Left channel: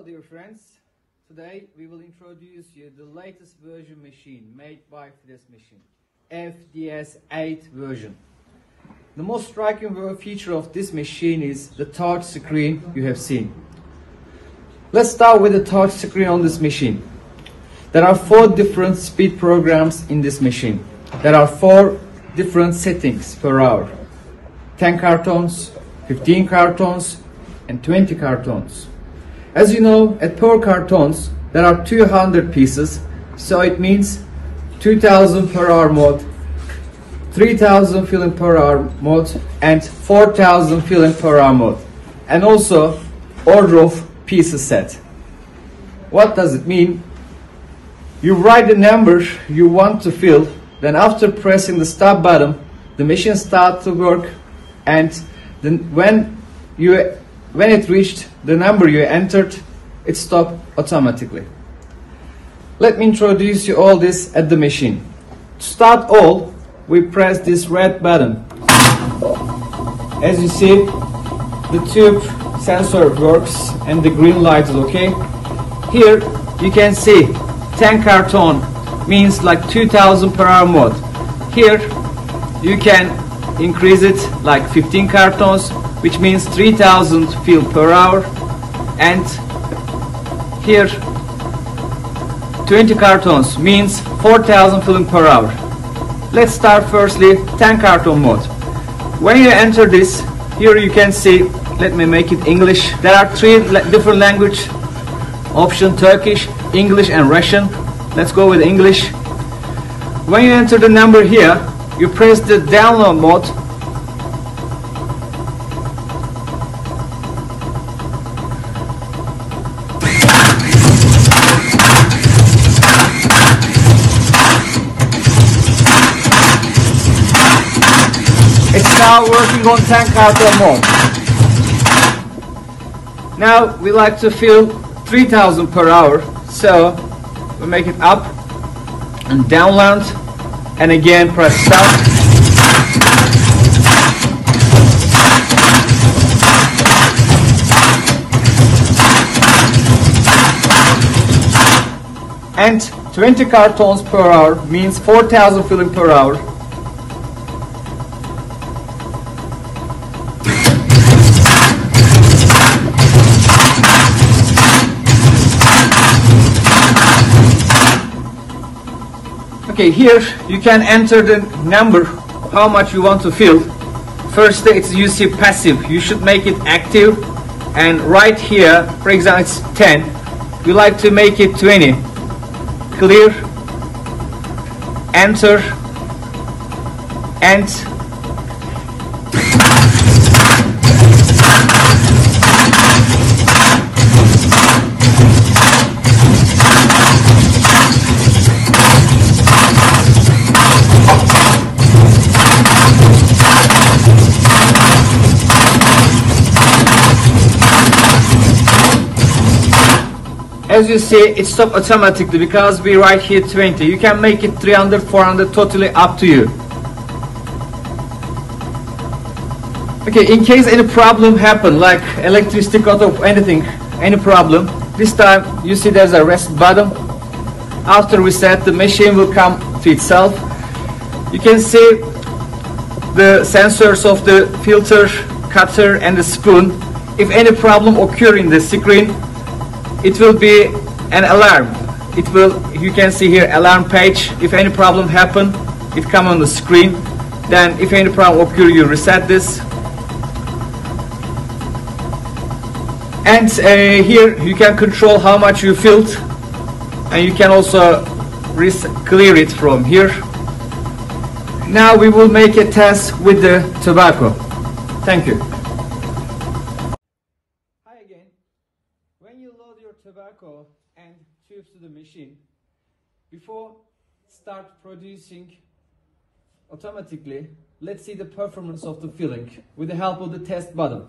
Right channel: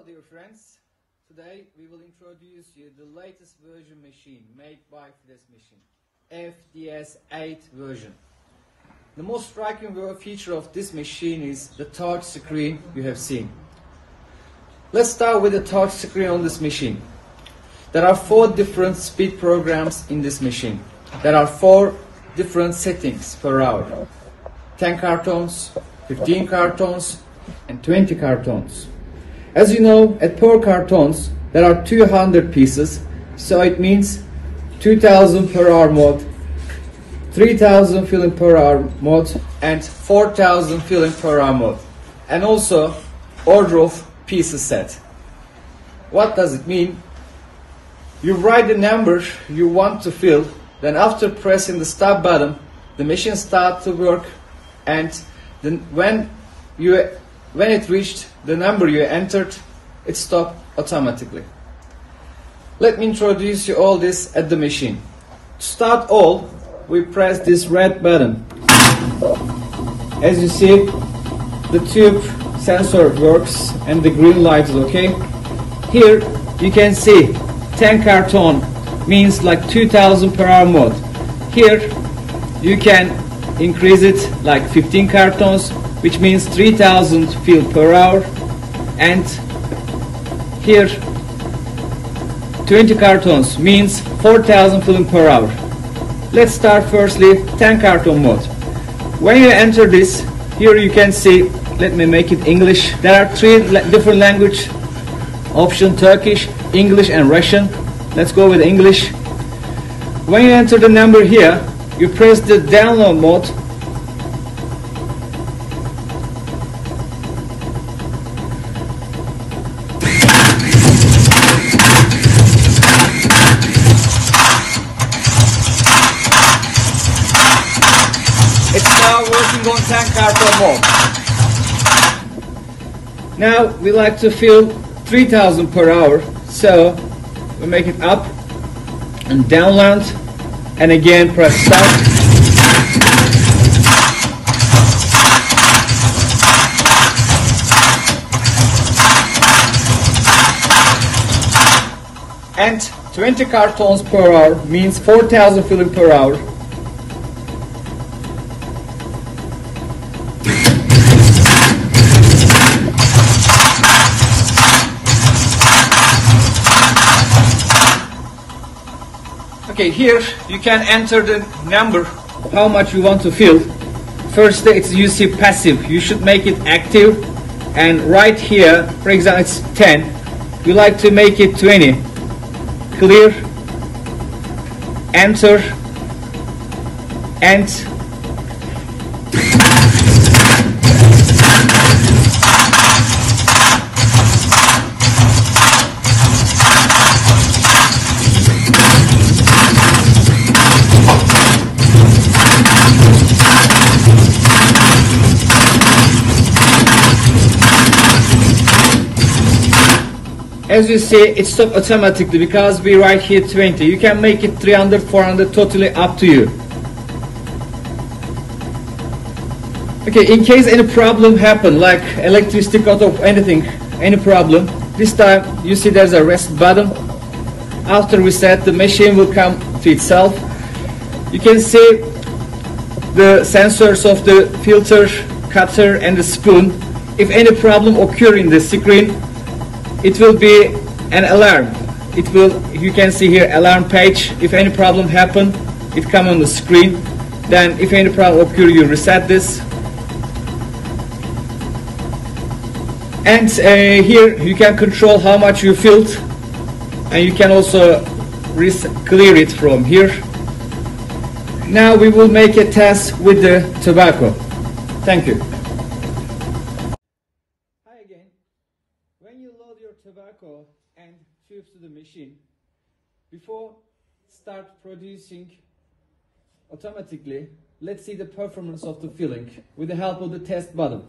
Hello dear friends, today we will introduce you the latest version machine made by Fides machine, FDS8 version. The most striking feature of this machine is the touch screen you have seen. Let's start with the touch screen on this machine. There are 4 different speed programs in this machine. There are 4 different settings per hour. 10 cartons, 15 cartons and 20 cartons. As you know, at per cartons there are 200 pieces, so it means 2000 per hour mode, 3000 filling per hour mode and 4000 filling per hour mode, and also order of pieces set. What does it mean? You write the number you want to fill, then after pressing the stop button the machine starts to work, and then when it reached the number you entered, it stopped automatically. Let me introduce you all this at the machine. To start all, we press this red button. As you see, the tube sensor works and the green light is okay. Here you can see 10 carton means like 2000 per hour mode. Here you can increase it like 15 cartons, which means 3000 fill per hour, and here 20 cartons means 4000 filling per hour. Let's start firstly 10 carton mode. When you enter this, here you can see, let me make it English. There are 3 different language option: Turkish, English and Russian. Let's go with English. When you enter the number here, you press the download mode. Working on 10 carton mode. Now we like to fill 3000 per hour, so we make it up and download, and again press stop. And 20 cartons per hour means 4000 filling per hour. Okay, here you can enter the number, how much you want to fill. First it's you see passive, you should make it active, and right here, for example, it's 10, we like to make it 20. Clear, enter, and as you see, it stopped automatically because we write here 20. You can make it 300, 400, totally up to you. Okay, in case any problem happen, like electricity cut off, anything, any problem, this time you see there's a rest button. After we set, the machine will come to itself. You can see the sensors of the filter, cutter and the spoon. If any problem occur in the screen, it will be an alarm. It will, you can see here, alarm page. If any problem happen, it come on the screen. Then if any problem occur, you reset this. And here you can control how much you filled, and you can also clear it from here. Now we will make a test with the tobacco. Thank you. When you load your tobacco and tubes to the machine, before start producing automatically, let's see the performance of the filling with the help of the test button.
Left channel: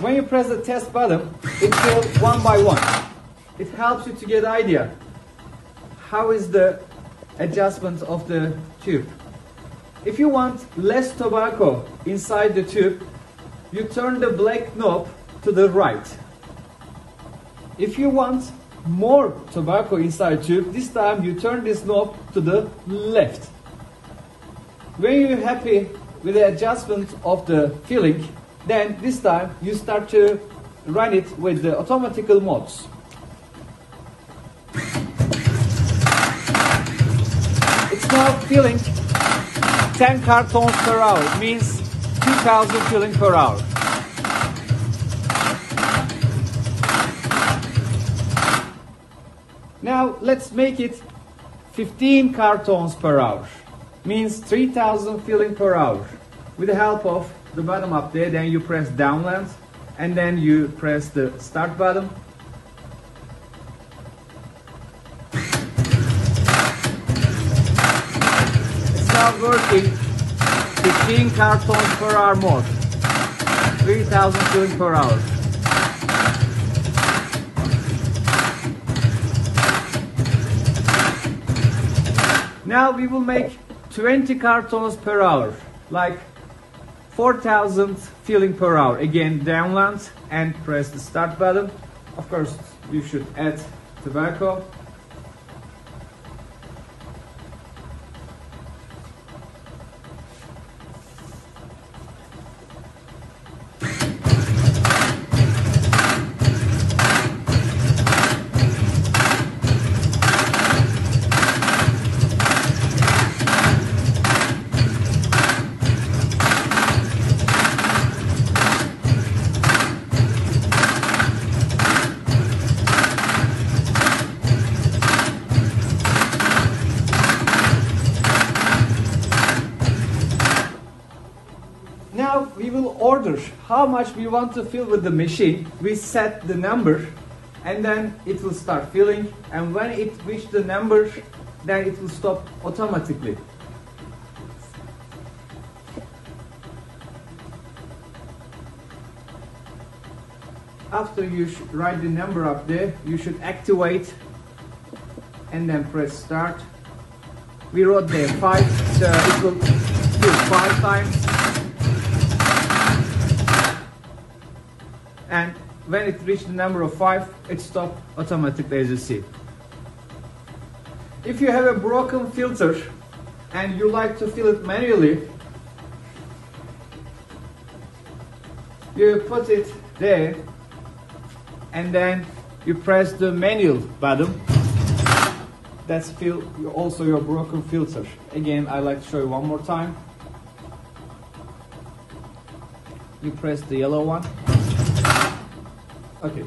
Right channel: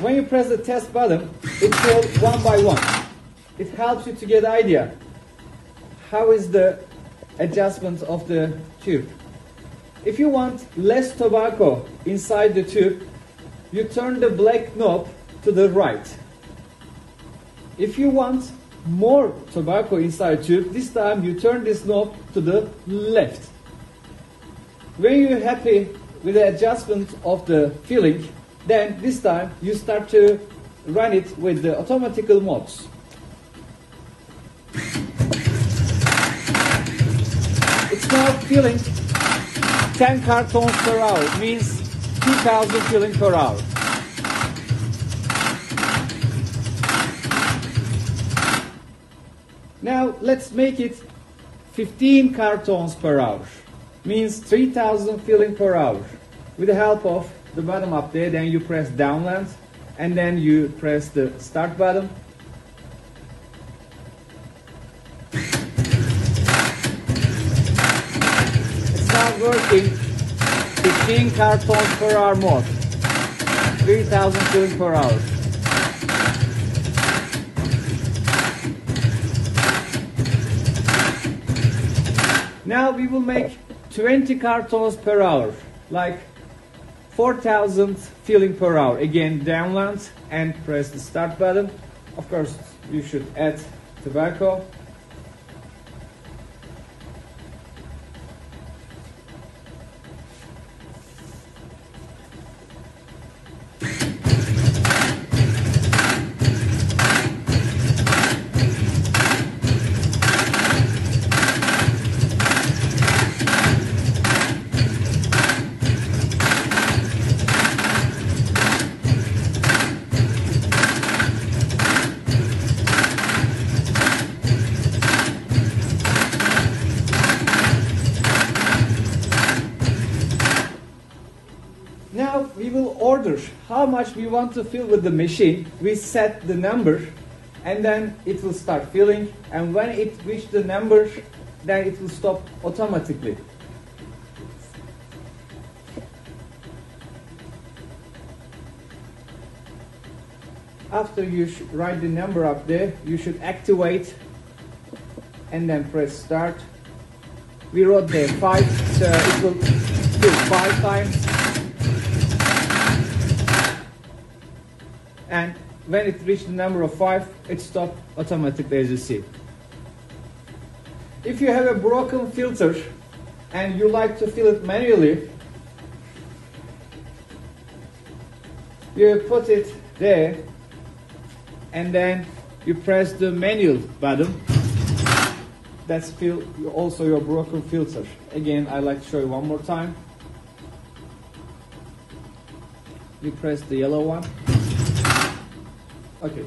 When you press the test button, it goes one by one. It helps you to get an idea how is the adjustment of the tube. If you want less tobacco inside the tube, you turn the black knob to the right. If you want more tobacco inside tube, this time you turn this knob to the left. When you're happy with the adjustment of the filling, then this time you start to run it with the automatical modes. It's now filling 10 cartons per hour, means 2000 filling per hour. Now let's make it 15 cartons per hour, means 3000 filling per hour. With the help of the button up there, then you press downland and then you press the start button. It's now working 15 cartons per hour more, 3000 filling per hour. Now we will make 20 cartons per hour, like 4000 filling per hour. Again, downland and press the start button. Of course, you should add tobacco. Now we will order how much we want to fill with the machine. We set the number and then it will start filling, and when it reaches the number, then it will stop automatically. After you write the number up there, you should activate and then press start. We wrote there 5, so it will fill 5 times. And when it reaches the number of 5, it stops automatically, as you see. If you have a broken filter and you like to fill it manually, you put it there and then you press the manual button. That's also your broken filter. Again, I like to show you one more time. You press the yellow one. Okay.